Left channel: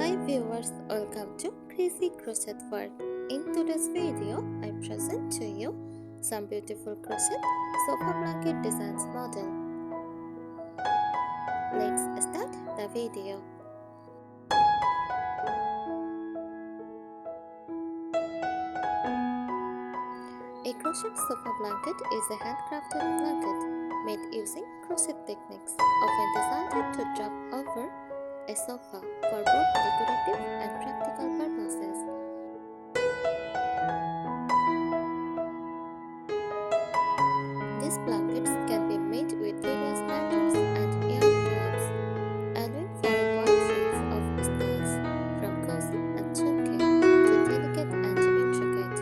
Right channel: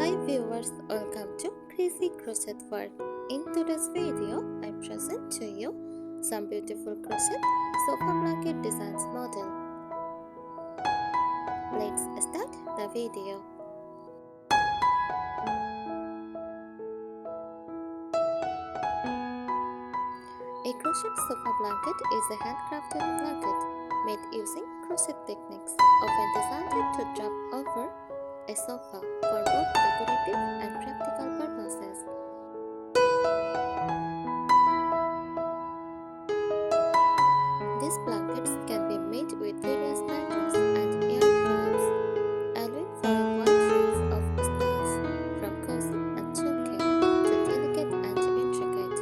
Hi viewers, welcome to Crazy Crochet World. In today's video, I present to you some beautiful crochet sofa blanket designs model. Let's start the video. A crochet sofa blanket is a handcrafted blanket made using crochet techniques, often designed to drop over a sofa for both decorative and practical purposes. These blankets can be made with various patterns and yarn types, allowing for a wide range of styles, from cozy and chunky to delicate and intricate.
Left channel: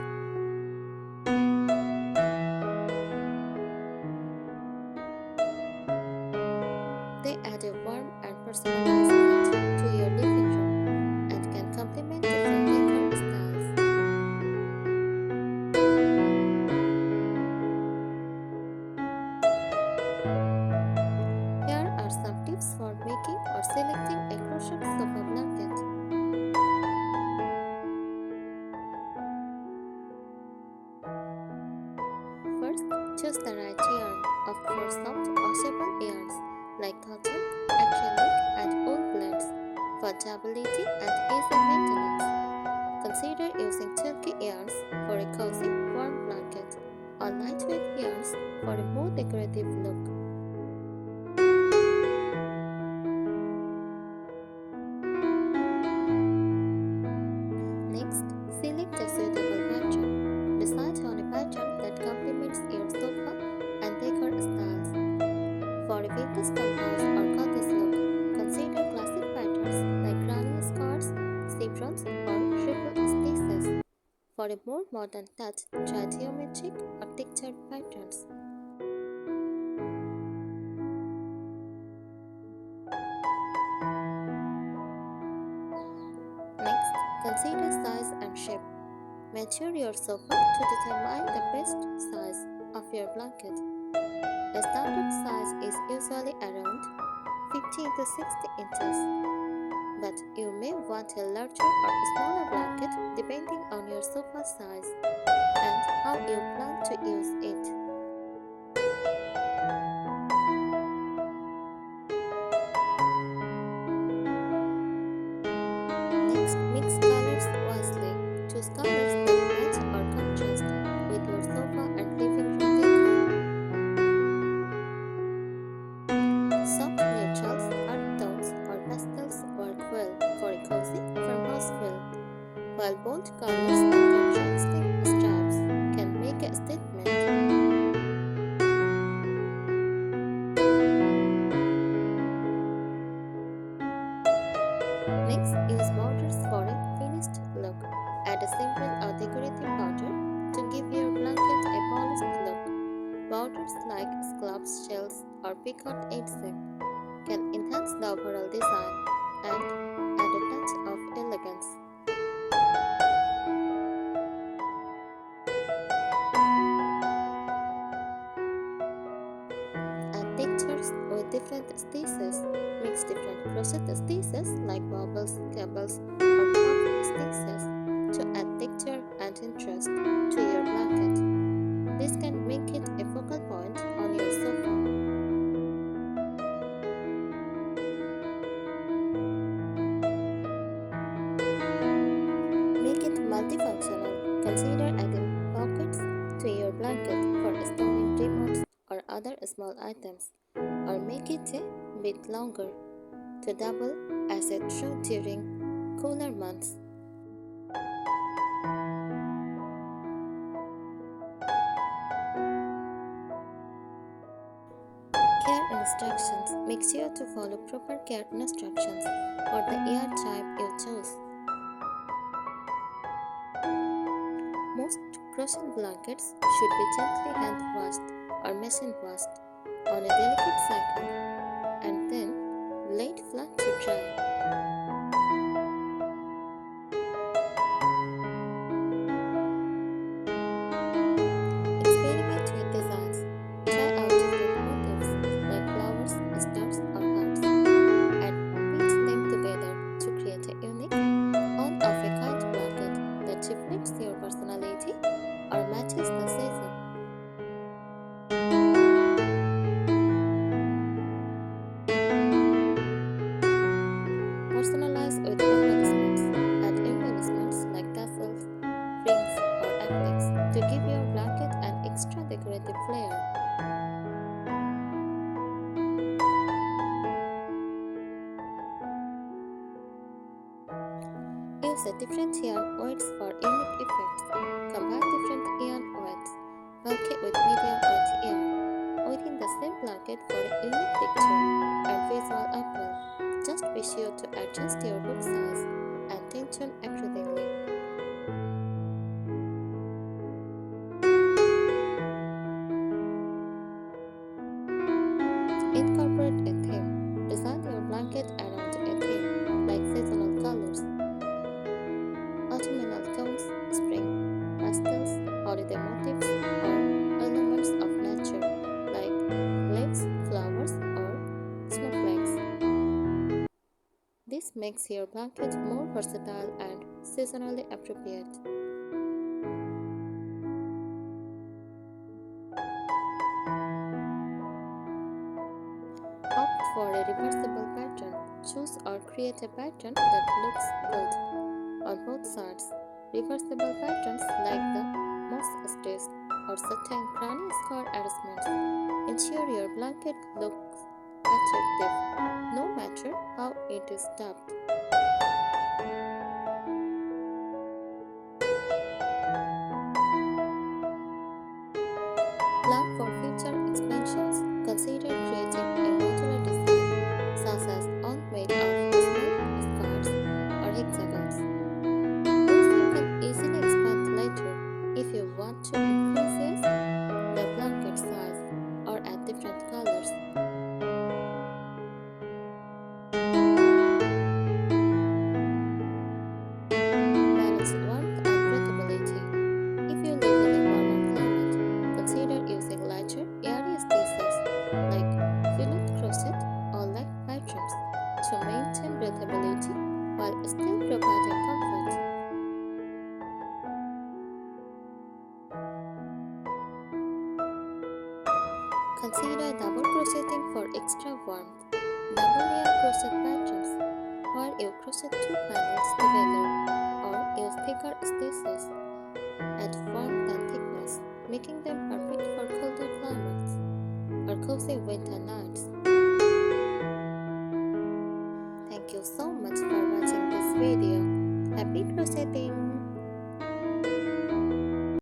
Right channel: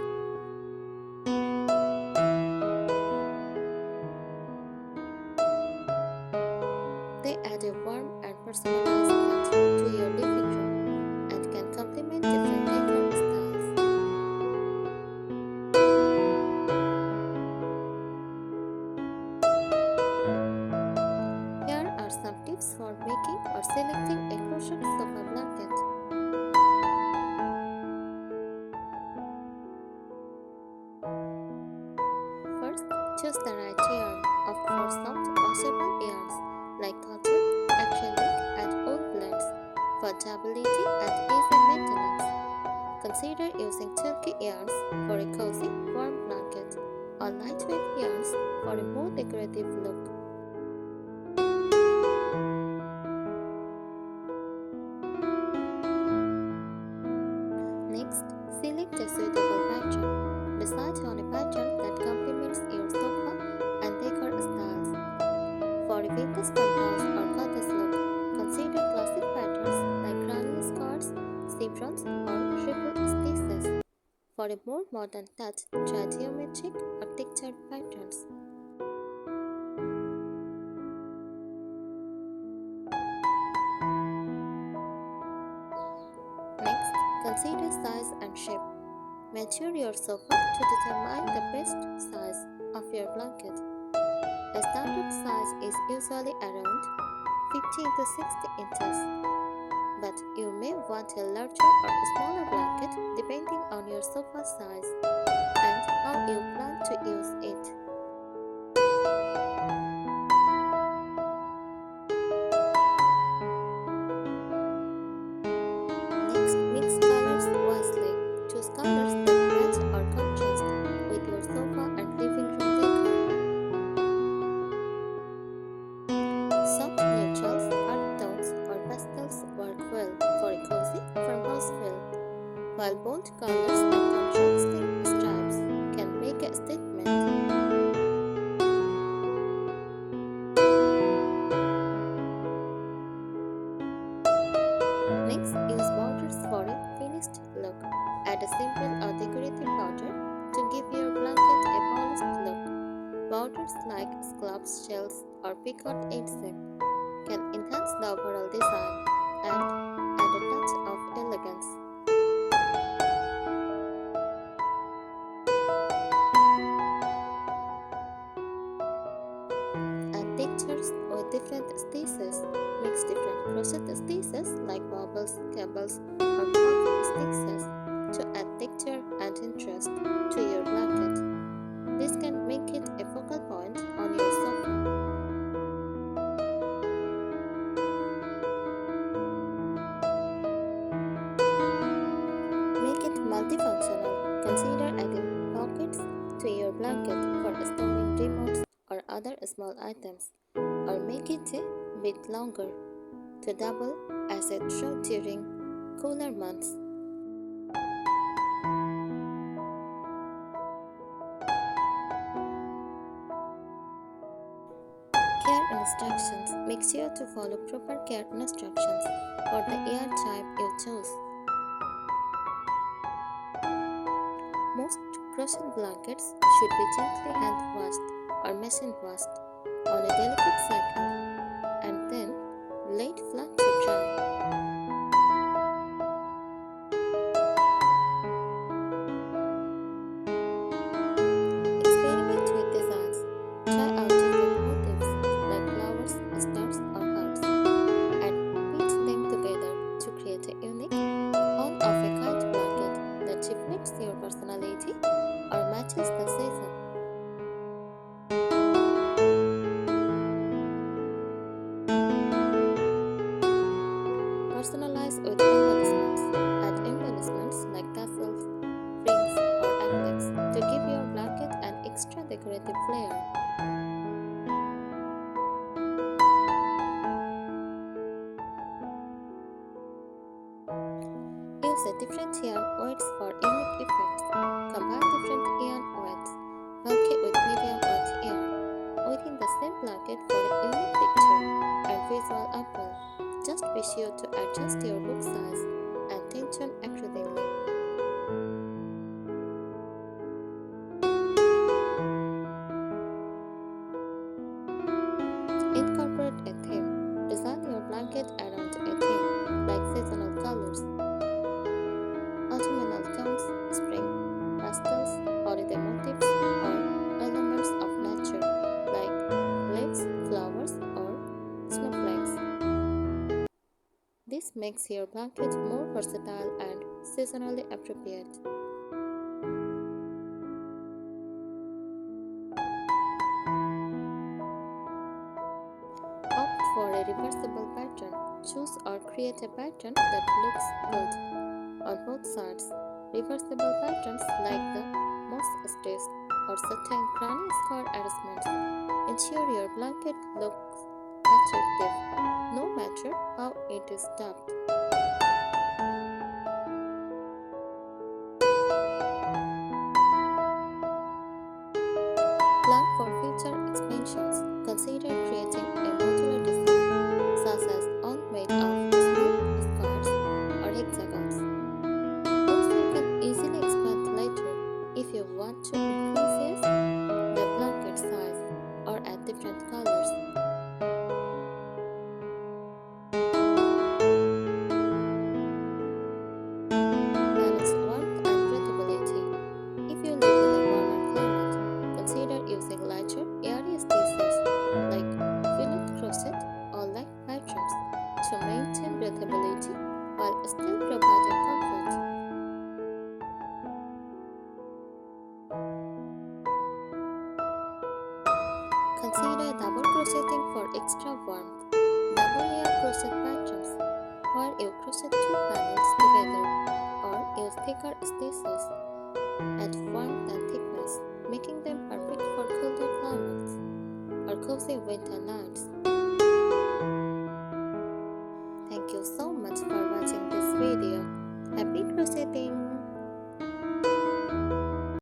They add a warm and personalized touch to your living room and can complement different decor styles. Here are some tips for making or selecting a crochet sofa blanket. First, choose the right yarn. Opt for soft, washable yarns like cotton, acrylic, and wool blends for durability and easy maintenance. Consider using chunky yarns for a cozy, warm blanket, or lightweight yarns for a more decorative look. Next, select a suitable pattern. Decide on a pattern that complements your sofa and decor styles. For a vintage farmhouse or cottage look, consider classic patterns like granny scarves, chevrons, or triple stitches. For a more modern touch, try geometric or textured patterns. Next, consider size and shape. Measure your sofa to determine the best size of your blanket. The standard size is usually around 50 to 60 inches, but you may want a larger or smaller blanket depending on your sofa size and how you plan to use it. Next, mix colors wisely. Choose colors that match or contrast with your sofa and living room decor. Soft neutrals, earth tones, or pastels work well for a cozy farmhouse feel, while bold colors and contrasting stripes can make a statement. Next, use borders for a finished look. Add a simple or decorative border to give your blanket a polished look. Borders like scallops, shells, or picot edging can enhance the overall design and add a touch of elegance. Add textures with different stitches. Mix different crochet stitches like bubbles, cables, or puff stitches to add texture and interest to your blanket. This can make it a focal point on your sofa. Make it multifunctional. Consider adding pockets to your blanket for storing remotes or other small items, or make it a bit longer to double as a throw during cooler months. Care instructions. Make sure to follow proper care instructions for the yarn type you choose. Most crochet blankets should be gently hand washed or machine washed on a delicate cycle and then laid flat to dry. Experiment with designs. Try out different motifs like flowers, stars, or hearts and piece them together to create a unique your personality or matches the season. Personalize with embellishments. Add embellishments like tassels, rings, or affix to give your blanket an extra decorative flair. Use a different yarn weights for unique effects. Combine different yarn weights. Bulk it with medium weight yarn within the same blanket for a unique picture and visual appeal. Just be sure to adjust your hook size and tension accordingly. Incorporate a theme. Design your blanket around a theme like seasonal colors, autumnal tones, spring, pastels, holiday motifs, or elements of nature like leaves, flowers, or snowflakes. This makes your blanket more versatile and seasonally appropriate. Opt for a reversible pattern. Choose or create a pattern that looks good on both sides. Reversible patterns like the moss stitched or satin granny square arrangements ensure your blanket looks attractive no matter how it is stuffed. Plan for future expansions. Consider creating a modular design such as one made of small squares or hexagons. Those you can easily expand later if you want to increase the blanket size or add different colors. Balance warmth and breathability. If you live in a warmer climate, consider using lighter, airy stitches like fillet crochet or leg patterns to maintain breathability while still providing comfort. Consider double crocheting for extra warmth. Double layer crochet patterns where you crochet two panels together or use thicker stitches add warmth and thickness, making them perfect for colder climates or cozy winter nights. Thank you so much for watching this video. Happy crocheting!